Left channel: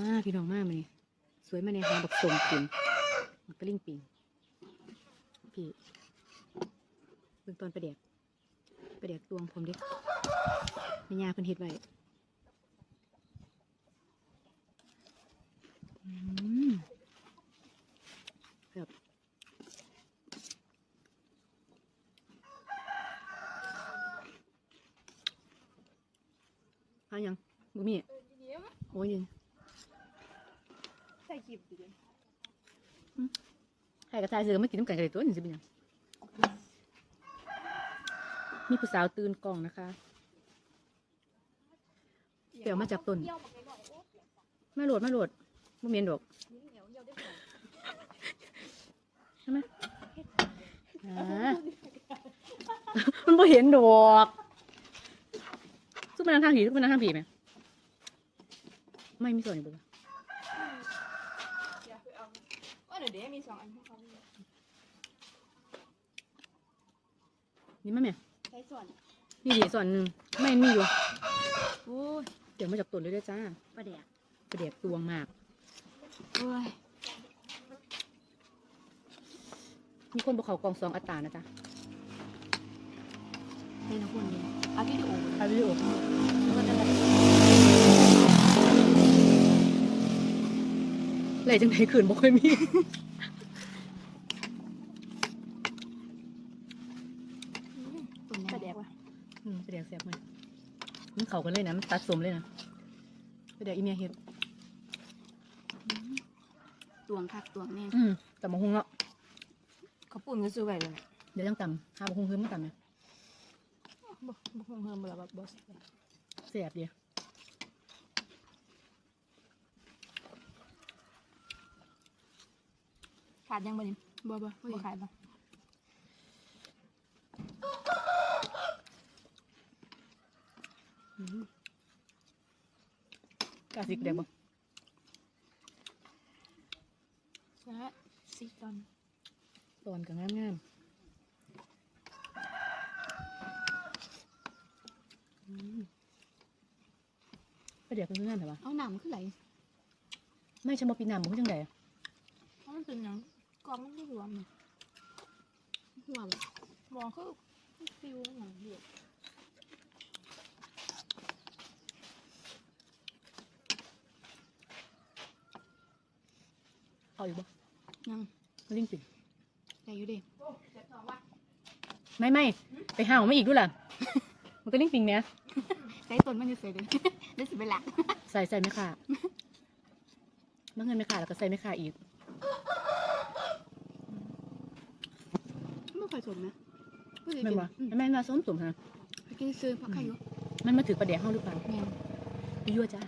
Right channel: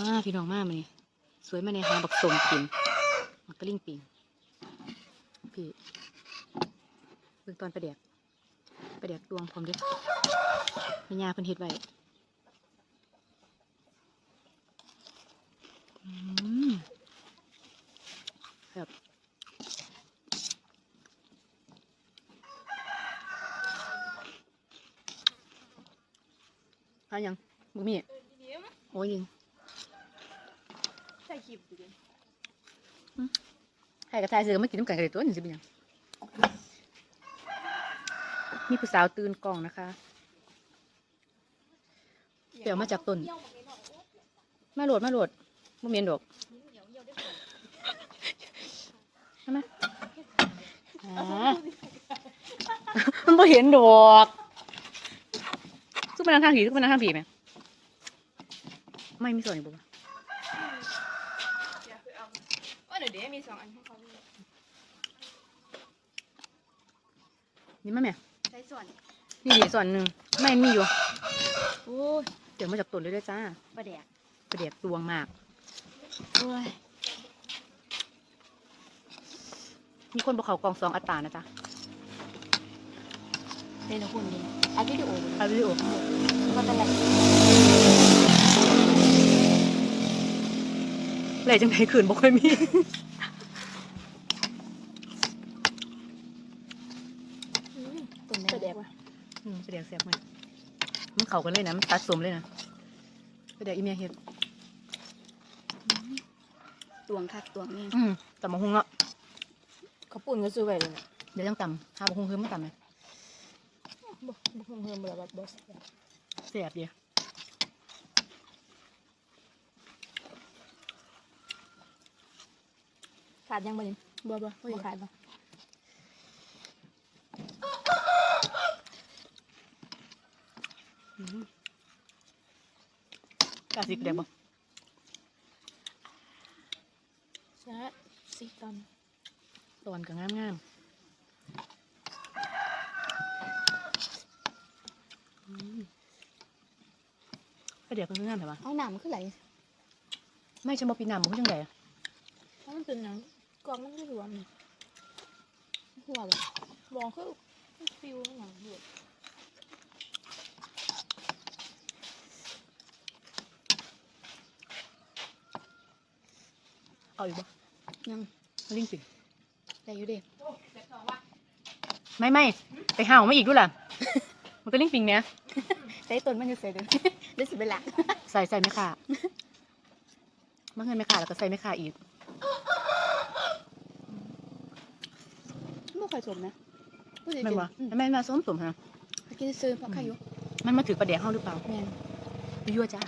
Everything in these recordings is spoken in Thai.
มาพี่น้องมามานี่สวยมาในหาบักสมกินมันก็ลิ่งปิงพี่เบิ่งตอนประเดียกประเดียกตวงพร้อมเด้แม่ยาเพิ่นเฮ็ดไว้แบบเอายังบ่มีโอ้ยยิง ใส่คลิปดิใครกับทายเสือไม่กินน้ำกันกันเลยตัวนี่สิเป็นหยังนี่ผู้สาวตื่นกล่องนะคะ เดี๋ยวมาจับต้นมาโหลดมาโหลดบ่เมียนดอกเหนียวเหนียวได้ผลใช่ไหมมันบ่เห็นดอกซุปมันทางผีซุปมันทางผีไหมไม่มีส่วนอยู่บ่วะอยากไปเอา ว่าเดี๋ยวเดี๋ยวมีสองอันให้เขาด้วยนี่มาแม่ใช้ส่วนนี่ดิส่วนหนึ่งไม่มีอยู่โอ้ยเดี๋ยวมาจับต้นเลยด้วยจ้าประเดี๋ยวประเดียกตวงมากโอ้ยมีคนบอกเขากองสองอัตรานะจ๊ะเป็นละคนเดียวเอาวิดีโอเอาวิดีโอทั้งหมดก็จะแบบ เลยจังไดขืนบ่ค่อยมีตุ่มประเดี๋ยวอืมประเดี๋ยวเสียบมันมันเข้ากันเลยนะมันตัดสมเลยนะประเดี๋ยวอีเมียเฮ็ดตวงคักตวงนี่อืมตำมะฮุงเนาะเขาปุ่นก็ซื้อไว้เลยเดี๋ยวยังตำหาบะฮุงคือไม่ตำนะบุกบุกเงินแบบแบบเสียบเดียว ขาดยังบ่นี่บ่บ่บ่ขาดบ่อืมกล้าสิประเดี๋ยวบ่ใช่สี่ตอนตอนก็งามงามๆอืมประเดี๋ยวก็คืองามแต่ว่าเอาหนามขึ้นไหลไม่ใช่บ่ปีน้ำบ่คือจังไดอะมันคือหนัง กองมันไม่รวมนี่หัวบ่รวมคือฟิวหนังบวกเอาอยู่บ่ยังมาลิงสิได้อยู่เด้ไม่ไม่ไปห่าวมาอีกด้วยล่ะ มันก็ลิงปิงเนี่ยใส่ต้นมันจะใส่เด้อได้สิเป็นหลักใส่ใส่ไม่ขาเมื่อเงินไม่ขาแล้วก็ใส่ไม่ขาอีก ไม่เคยสนนะผู้ใหญ่แม่นบ่อืมแม่นมาส้มสมฮะไปกินซื้อเพราะใครอยู่มันมาถือประเดี๋ยวห้องหรือเปล่าแม่นยั่วจ้า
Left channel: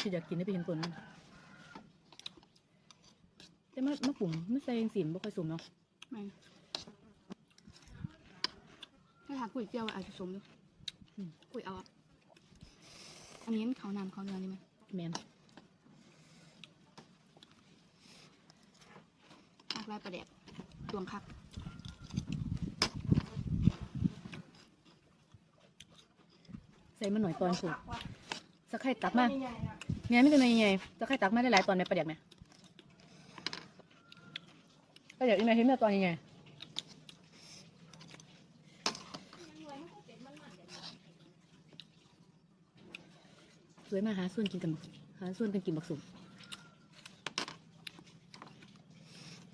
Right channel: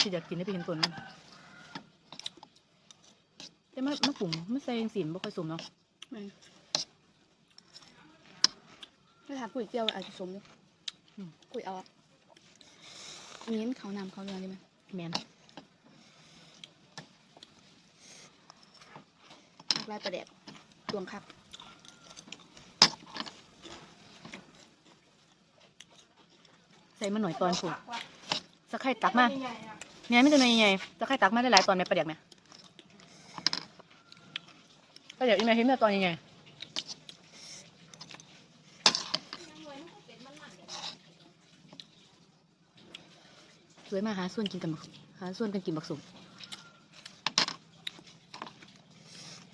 ที่อยากกินได้ไปกินตัวนั้นแต่มะมะกลุ่มไม่ใส่สินบ่ค่อยสมเนาะแม่นถ้าถามปุ๋ยเปรี้ยวอาจจะสมอยู่ปุ๋ยเอาอะอันนี้มันเขานำเขาเรืองได้ไหมแมน ลายประเด็ดรวมครับใส่มาหน่อยตอนผูกสักไข่ตักมาเนี่ยไม่ตัวใหญ่ๆสักไข่ตักมาได้หลายตอนในประเดี๋ยวไหมประเดี๋ยวอีเมลเห็นมื่อตอนใหญ่ๆสวยมากหาส่วนกินกันหาส่วนกันกินบักสุก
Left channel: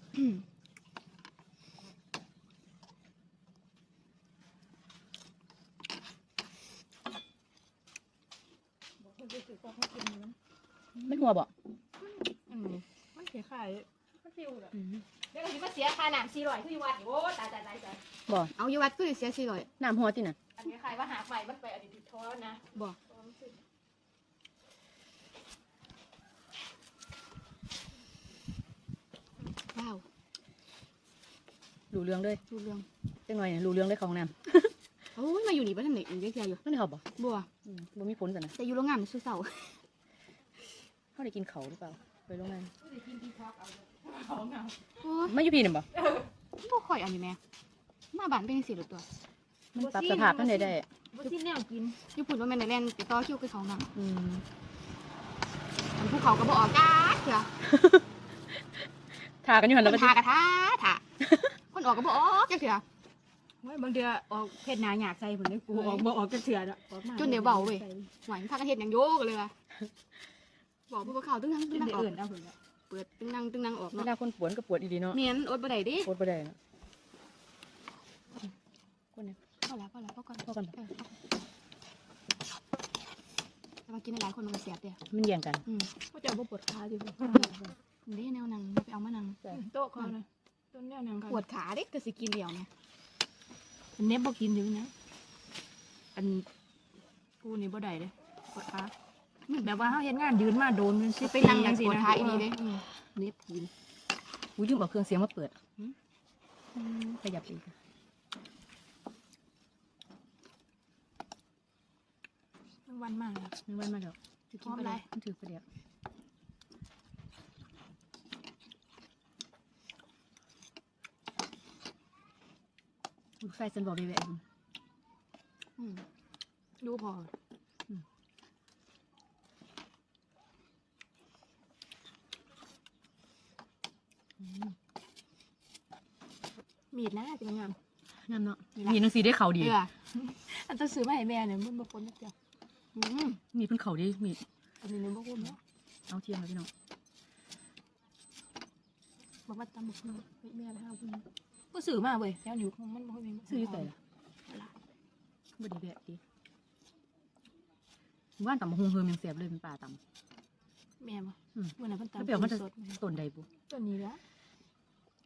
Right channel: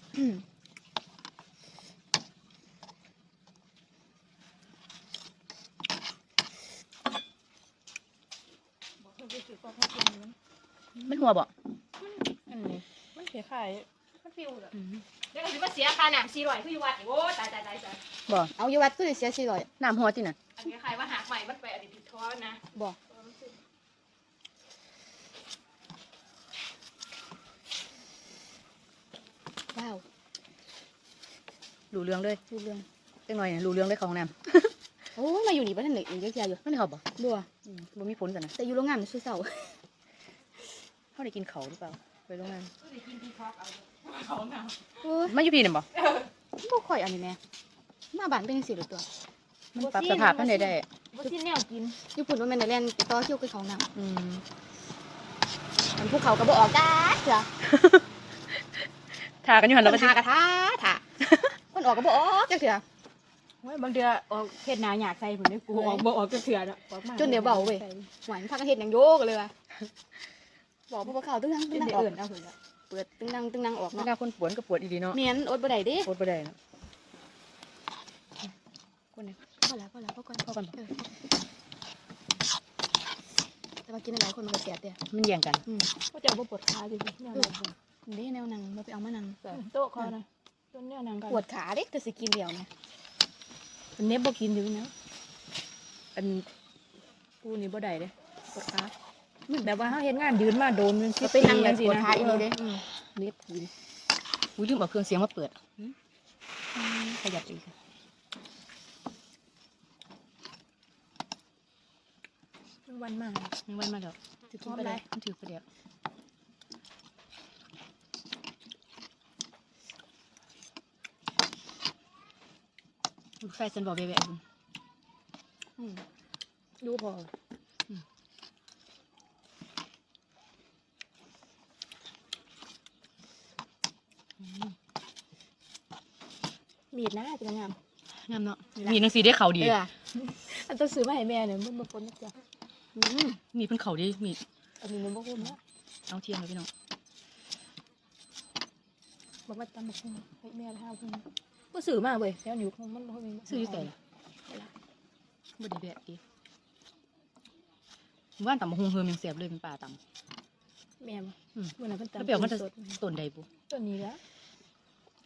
อื มมันหัวบ่อันนี้มันเสียขายมันฟิวเหรออืมเดี๋ยวก็สิมาเสียค่าน้ำสี่ร้อยคืออยู่วัดนี่โอ้ตายตายตายตายบ่เอาอยู่วัดคือเสียสี่ร้อยน้ำหัวจิน่ะอันนี้ขายว่าหากใหม่มันไปอดีตผิดท้อนะบ่ เออมันคือ ว้าว รู้เรื่องเลยรู้เรื่องจังหน่อยเนี่ยรู้เรื่องเลยของน้โอ้มาอยู่นี่บ้านไหนอีกเยอะแยะอยู่ำมันได้เขาบ่บัวอืมบ่มีผลกันนะแต่อยู่โรงงานมันซื้อเสาเขาได้กินเขาวหรือเปล่าไปโรงงานโอ้ยมาอยู่พี่น่ะบ่บ่ค่อยอันนี้แม่มาบ้านเป็นสิหรือตัวมันปรับสภาพท่านใดได้อว่าที่แนวกินญี่ปุ่นว่าแม่นได้เล่นไปต่อคิวกับเขานั่งอืมมันภูเขาก็บ่ออกได้เถื่อทากันอยู่หันคแล้วก็นทาก็ทาทาคน ออกก็บ่ออกจักเถื่อเฮ้ยบางเดือออกเพศนาอยากใส่ผมได้กูออกบ่ออกจะเถื่อนอะออกมาจนเดี๋ยวเบาเว้ยหวานพักเฮ็ดหยังโยกเลยว่ะบอกบ่เข้าตึ้งนังจตึ้นงนังเดี๋ยวออกเอื่นเอาผมละเปิดตึ้งนังตึ้งนังออกเวเนาะลาคนปวดก็ปวดอีดีเนาะเมียนอดบ่ได้เด้ปวดบ่ได้เนาะคนเนี่ย พอแล้วพอแล้วพอก่อนเข้ากันแต่ว่ากินหลายคนมันก็เสียเด้มันแย่งกัน อืมก็จะเอาบ่ปวดขาดิเด้แนวนังบ่ไปเอามานังโต๊ะคอนะต้ นแนวนางปวดขาเด้แต่สิกินเดียวเนี่ยมันเน็บบ่กินอยู่นะอันกูนี่บ่ได้เด้ปวดขามันแบบว่าเฮาเฮ็ดงานยืนมาโดนมันสิไปนั่งกันปวดขาอีนี่เด้อืมเน็บกินอุ้ยลืมเอาเครื่องเสียงมาเปิดขยับอีกมันวันมากเลยมันวันมาแล้วสิกินไปได้มันถือประเดี๋ยว ลูกไฟฉันบอกแวะๆอยู่อืมดูพออมมีดนะจังงามงามเนาะมีหนังสือได้เขาดีเอออันต้องซื้อมาให้แม่เนี่ยมันบ่พ้นจ้ะอืมมีเพิ่นเขาดีมีอันนี้มันบ่คุ้มนะเอาเทียมเลยพี่น้องบ่มาตำบักหุ่งให้แม่ทาเพิ่น ก็ซื้อมาเว้ยแล้วอยู่มันบ่มีซื้ออยู่แต่ละบ่ได้แวะดิว่านตำบักฮุงเฮือมันเสียบเลยเป็นป่าตแม่บ่อืมวันนั้นเพิ่นำแล้วตำเปรียวมันจะสดต้นใดบุตัวนี้ละ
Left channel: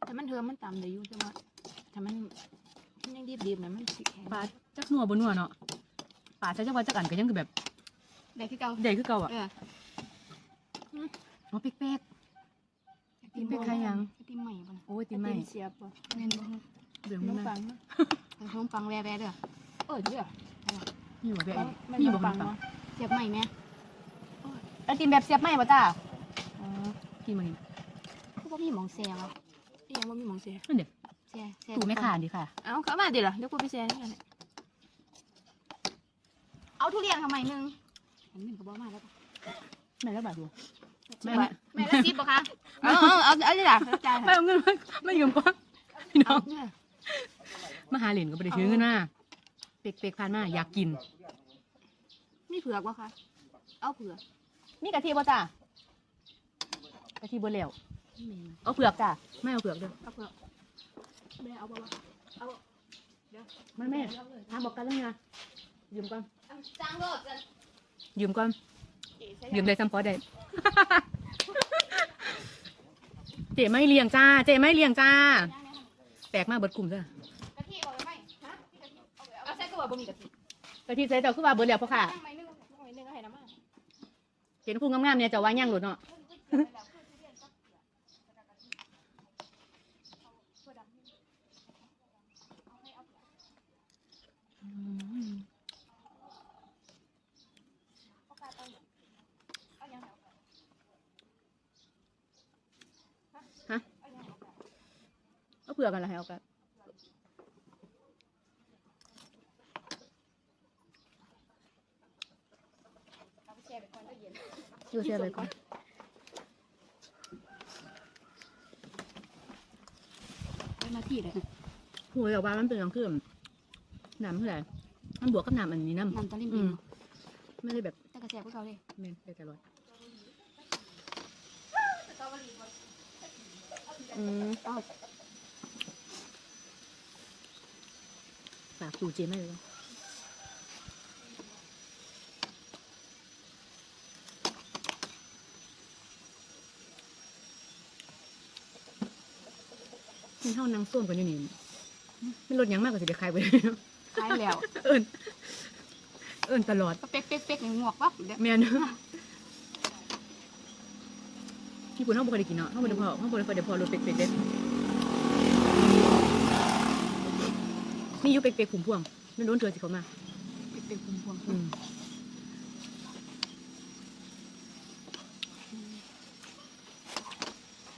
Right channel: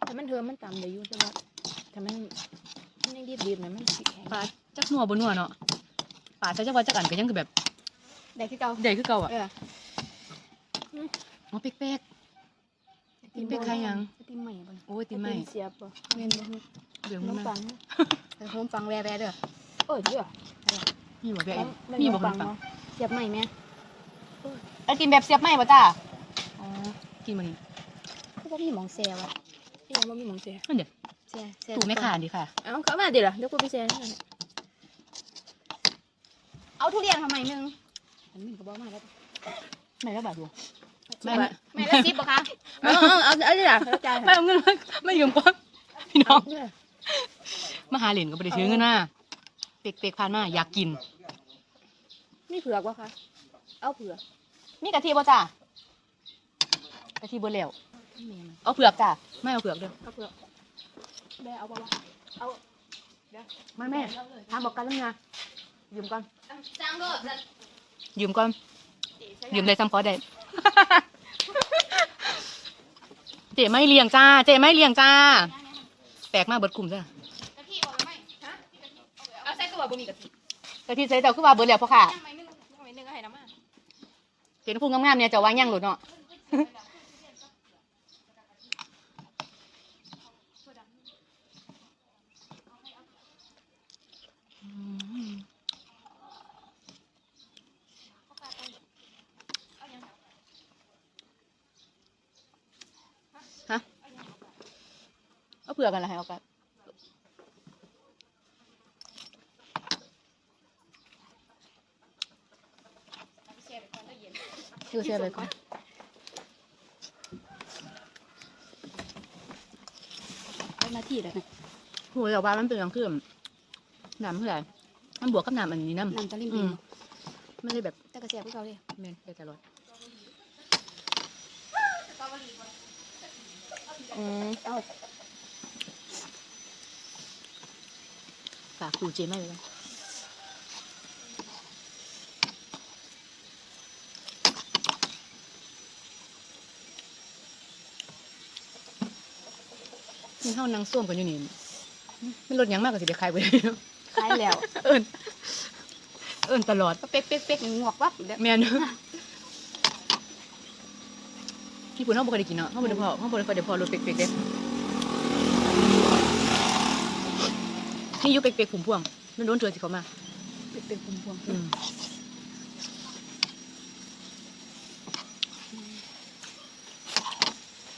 แต่มันเธอมันตำได้อยู่แต่ว่าถ้ามันมันยังดิบๆนะมันสิแข็งป่าจักนัวบ่นัวเนาะป่าใช้จักว่าจักอันก็ยังคือแบบได้ที่เก่าใหญ่คือเก่าอะเอออ๋อเป๊ก กินไปใครยังไอติมใหม่บ่ๆโอ้ยติไม่เป็นเสียบบ่แม่นบ่เดี๋ยวขนมันมมาปังแต่ผมฟังแวๆเด้อเออเด้อมีบ่แวะอีกแมีบ่ขนมปังเสียบใหม่แม่ไอติมแบบเสียบไหมบ่จ้าอ๋อกินมื้อนี้คือบ่มีหมองแซวอะอีหยังบ่มีหมองเสียนั่นเด้อแซวแซวตู่แม่ค้าดีค่ะ เอาเข้ามาเดี๋ยวล่ะเดี๋ยวกูไปแซ่นั่นน่ะเอาทุเรียนทำไมนึงอันนี้ก็บ่มาแล้วแม่ละบาทดู ไม่ไม่ไม่ละ10บ่คะเอาเอาเอาอันนี้ล่ะเข้าใจไม่เอาเงินมาไม่ยืมก่อนพี่น้องมาหาเหรียญก็บ่ได้ถือเงินมาเป๊กๆผ่านมาอยากกิน นี่เผือกบ่คะเอาเผือกนี่กะทิบ่จ้ากะทิบ่แล้วเอาเผือกจ้าไม่เอาเผือกเด้อเอาเผือกแม่เอาบ่วะเอาไม่แม่ถามบอกกันแล้วไงยืมก่อนจ้างเด้อยืมก่อน ยืมได้ซ้ำพอได้ เจ๊ไม่เลี้ยงจ้า เจ๊ไม่เลี้ยงจ้า แปลกมากเบิดกลุ่มจ้ากะทิเอาไปไหมฮะเอาใส่ก็ว่าบ่มีกะทิกะทิใส่เจ้าคือว่าเบิดแล้วพ่อค่ะยังไม่นึงยังไม่นึงก็ให้น้ำมาเห็นพูงามๆเนี่ยเจะว่าย่างหลุดเนาะฮะ เอาเผื่อกันละให้เอากันดูเสียไปก่อนเอาหน้าที่แล้วโหแต่ว่ามันเป็นอย่างคือน้ำเท่าไหร่มันบวกกับน้ำอันนี้น้ำน้ำตะลิ่มอืปิงมไม่ได้แบบแต่กระเสียบพวกเขาเลยแม่นได้ตลอดอืมเอา ฝากดูเจไม่เลยนะนี่เข้านางส้วมกันอยู่นี่มันลดหยังมากกว่าสิเด็กใครไปเลยเนาะใช่แล้ว เอิญเอิญตลอด เป๊กเป๊กเป๊กงวกวับอีกแล้วแม่นพี่ปุ่นเขาบอกได้กินเนาะเขาบอกได้พอเขาบอกได้พอเดี๋ยวพอรถเป๊กๆเด้ นี่อยุเป๊กๆขุมพวงมันโดนเถื่อสิเขามาเป๊กเป๊กพวงอืม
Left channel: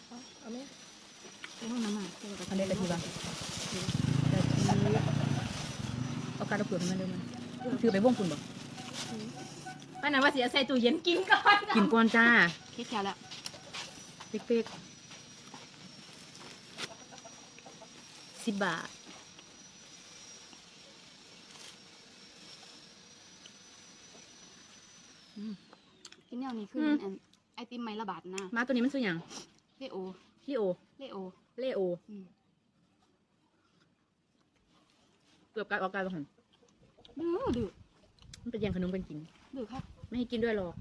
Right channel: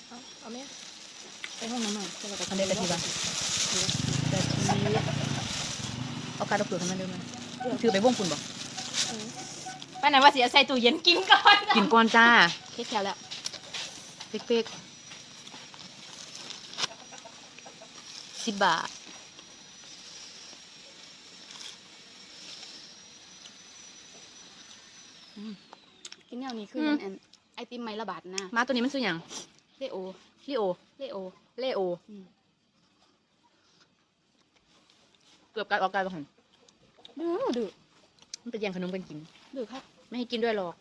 เอาเอาแม่ไปห้องน้ำหน่อยจะไปทำได้กะทิบ้างกะทิเอาการเอาเปลือกของมันเดิมมาถือไปวงคุณบ่ป้านั้นว่าเสียใส่ตู้เย็นกินก่อนกินก่อนจ้าเฮ็ดแถวแล้วเป๊กๆสิบบาท กินแนวนี้คืออืมอันไอติมไม้ละบาทนะมาตัวนี้มันชื่อหยังเลโอลิโอ เลโอเลโอ อืมเกือบกัดออกกายไปหันดื้อดื้อมันเป็นแย่งขนมกันกิน ดื้อครับไม่ให้กินด้วยหรอก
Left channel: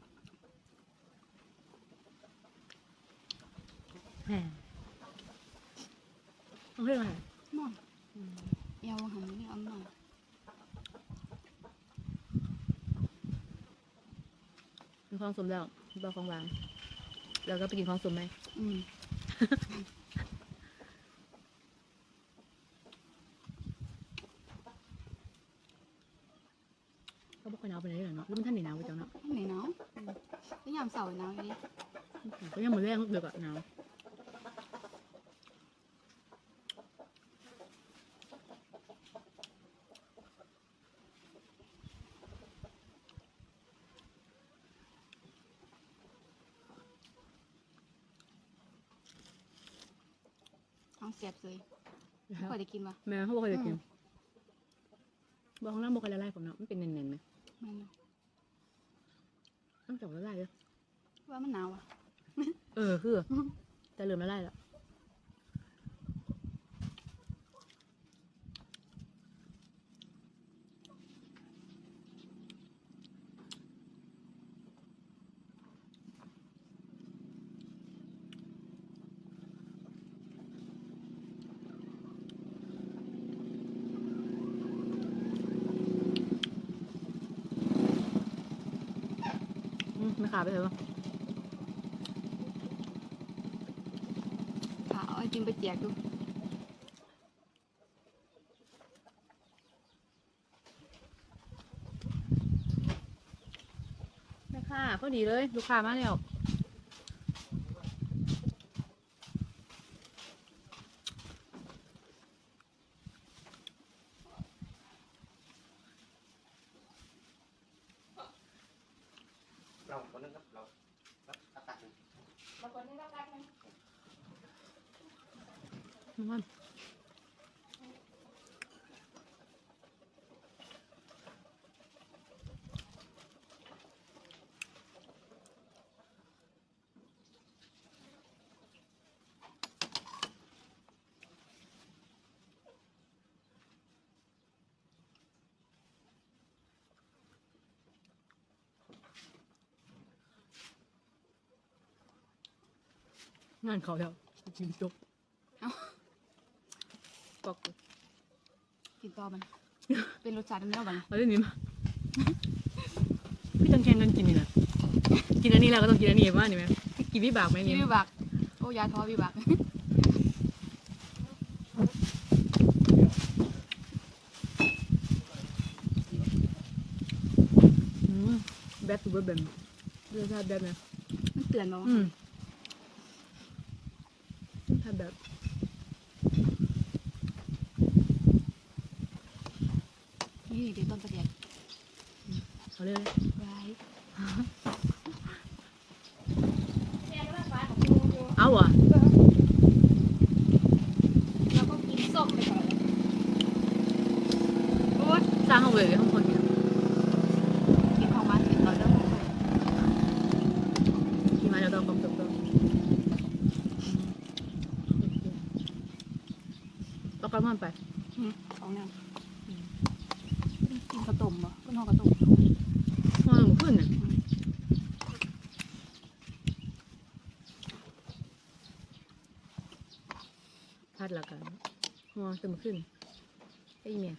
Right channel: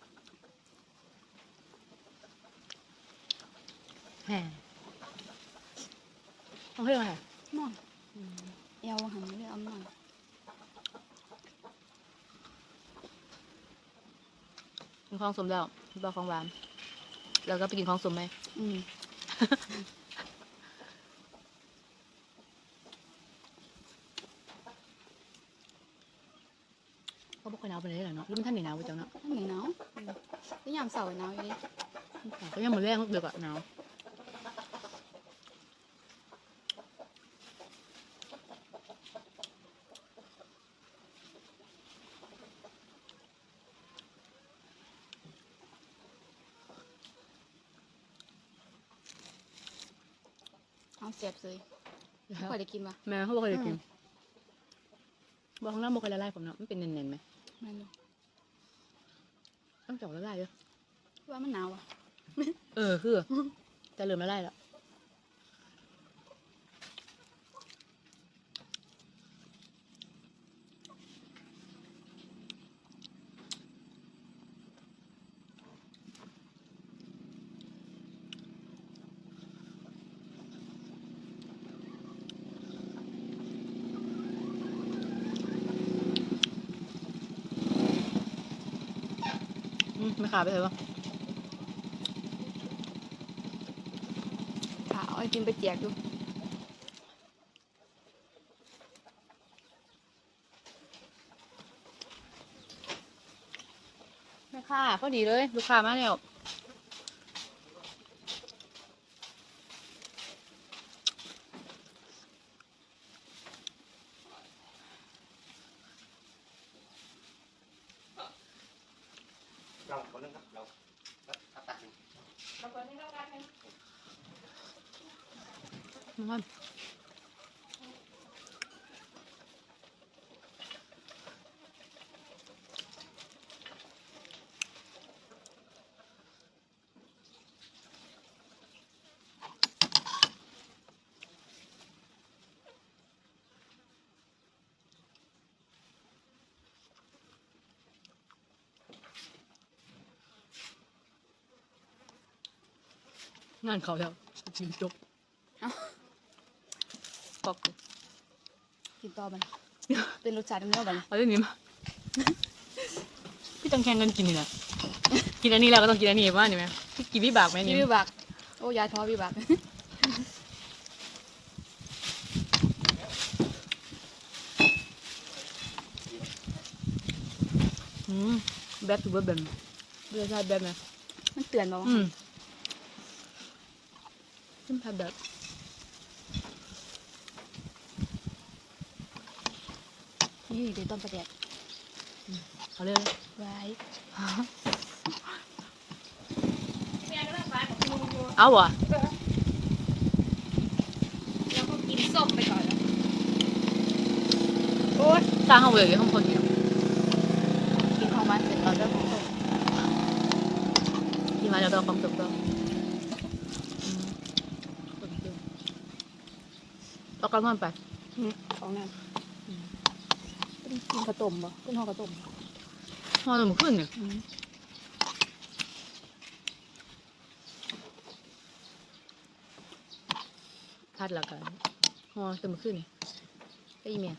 แหมเอาเรื่องอะไรน้อยเอวหันเรื่องเอาหน่อย กิน ของสมแล้วบาของหวานแล้วก็ไปกินของสมไหมอืมก็บ่ค่อยหนาวไปเลยเหรอเนาะหรือมันท่านไหนหนาวไปจังเนาะไหนหนาวอืมก็ยามเสาร์หนาวอยู่ดิก็ยังมือแรงเดือกอะหนาว เอาเสียบเลยไม่ค่อยได้กินวะแม่เขาบอกเคยได้กินอืมบอกข้างล่างบอกเคยละลายผมเนาะมันเป็นเน้นๆไหมแม่นบ่ต้องเจาะละลายเยอะว่ามันหนาวอะเออคือจะเริ่มละลายแล้ว ไม่ขาดไปเลยวะค่ะเอากินไปแจกดูไม่ค่ะพอดีเลย ลูกค้ามาแล้ว เราคนนึงครับเราเราตัดหนึ่ง มันว่า งานเขาแล้วจริงจบปอกเลยกินต่อมันเป็นรสชาติเนื้อบัดนเอาเรื่องนี้มาพี่ต้องแข่งกันกินนี่นะกินอันนี้แล้วก็ต้องกินอันนี้ว่านี่ไหมกินวิบากไหมพี่นี่วิบักโอ้ยายท้อวิบักอืมแบบตัวแบบเรียกชาติแบบไหมมันเตือนเราอืมขึ้นทำ แบบนี่เป็นต้นประเด็กเอาเลยไว้แม่ก็ต้องฝากของลุงอยู่เอาอะแล้วก็กินส้มไปก่อนแล้วโอ้ยสร้างห้องเลยห้องคนเดียวกินของมันเสร็จเราก็ ที่มาจะต้องความสุขก็ เอากลับบ้านไปของนั่นกินข้าวต้มบ่กินข้าวต้มพอหนุ่มขึ้นเนี่ยพัดละกันพอตื่นขึ้นไปอีเมีย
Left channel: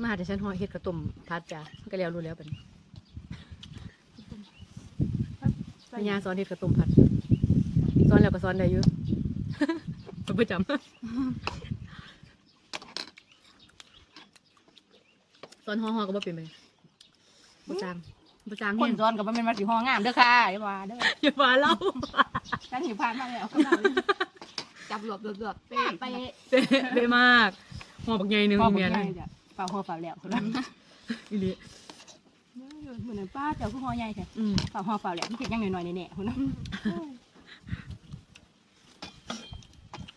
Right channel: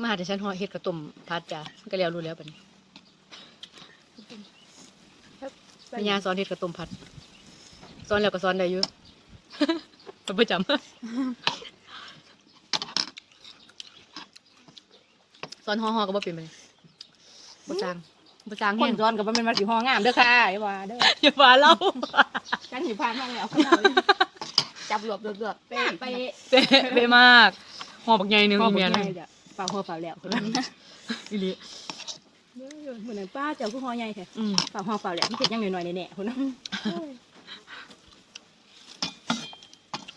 มาหาแต่ฉันหอเฮ็ดกระตุ่มพัดจ้ะก็แล้วรู้แล้วปันนี้แม่ยาสอนเฮ็ดกระตุ่มพัดสอนแล้วก็สอนได้อยู่ เป็นประจำสอนห่อห่อก็บ่เป็นไปบ่จางบ่จางคแห้งนร้อนกับมันเป็นมาสีห้องงามเด้อค่ะไอ้ว่าเด้ออย่าว่าเล่ากันสีพานมาแล้วจับหลบหลบหลบไปไปเป๊ะเป๊ะมากห่อบักใหญ่หนึงพ่ออีบเมียอกนึใหงญ่จ้ะฝากหัวฝากแล้วอีหลีเหมือนป้าเจ้าผู้หัวใหญ่แท้อืมฝากหัวฝากแล้วมันเป็นยังหน่อยๆแน่ๆคนนั้น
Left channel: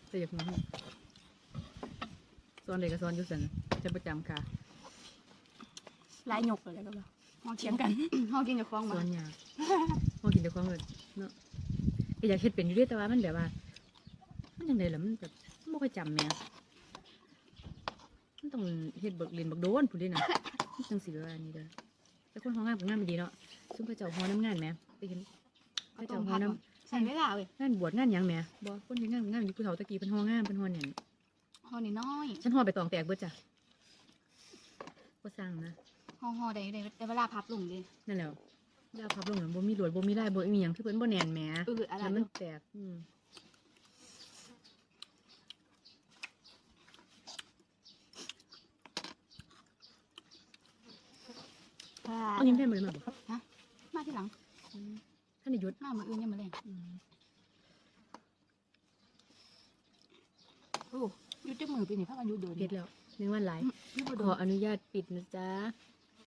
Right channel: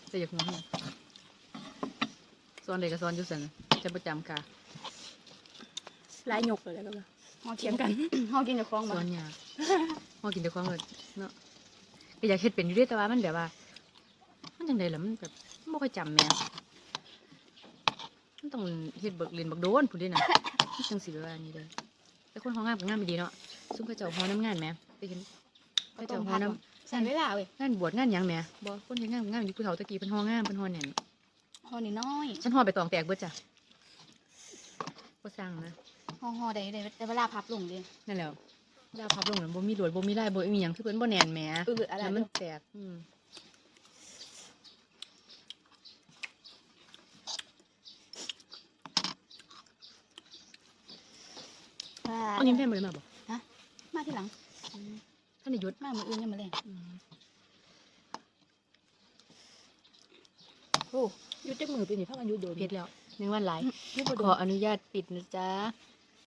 แต่อยากหัวเนี่ยสอนเด็กก็สอนอยู่ซั่นน่ะจะประจำค่ะหลายหยกเลยก็ว่าเฮาเถียงกันเฮากินแต่ฟองสบ่อนยากห่อกินแต่ของเลยเนาะก็อยากเฮ็ดเป็นอยู่เด้แต่ว่ามันแบบว่า มันจังไดล่ะมันแบบบ่ค่อยจำแหม่มันต้องเฮ็ดเบิกเรียนบักโดนพุ่นเด้น่ะมันจังสิว่าอันนี้เด้อแต่คนเฮางามก็งามดีเนาะซุมเขาเจ้าฮอน้ำงานแหมไปเห็นเขาเจ้าฮอน้ำ ใส่เวลาเว้ยงานบวชงานหยังแหมบ่คนเฮ็ดงานงานอยู่ผู้เฒ่าตะกี้เพิ่นฮองามเพิ่นฮอแน่นห่อนี่น้อยฉันฮอไปตองแตกเบิดจ้ะบ่สร้างนะห่อห่อได้ได้ได้เวลาพับลงเด้นั่นแหละดาวพับลงแล้วบ่มีลวดบ่มีลายบ่มีหยังคือเพิ่นบ่แน่นแหมเอออะไรแล้วมันแตกอืมเอายิ้มแท้บ่ได้มาบ่ครับมาทีหลังท่า นได้หยุดมามื้ออื่นยังมาแลงอืมโอ้อยุดจักมือปีนี้พักกันอยุดโดนเฮ็ดแล้วหนึ่งวันหลายอยุดบ่โดขอนอนุญาตปิดนะจ๊ะ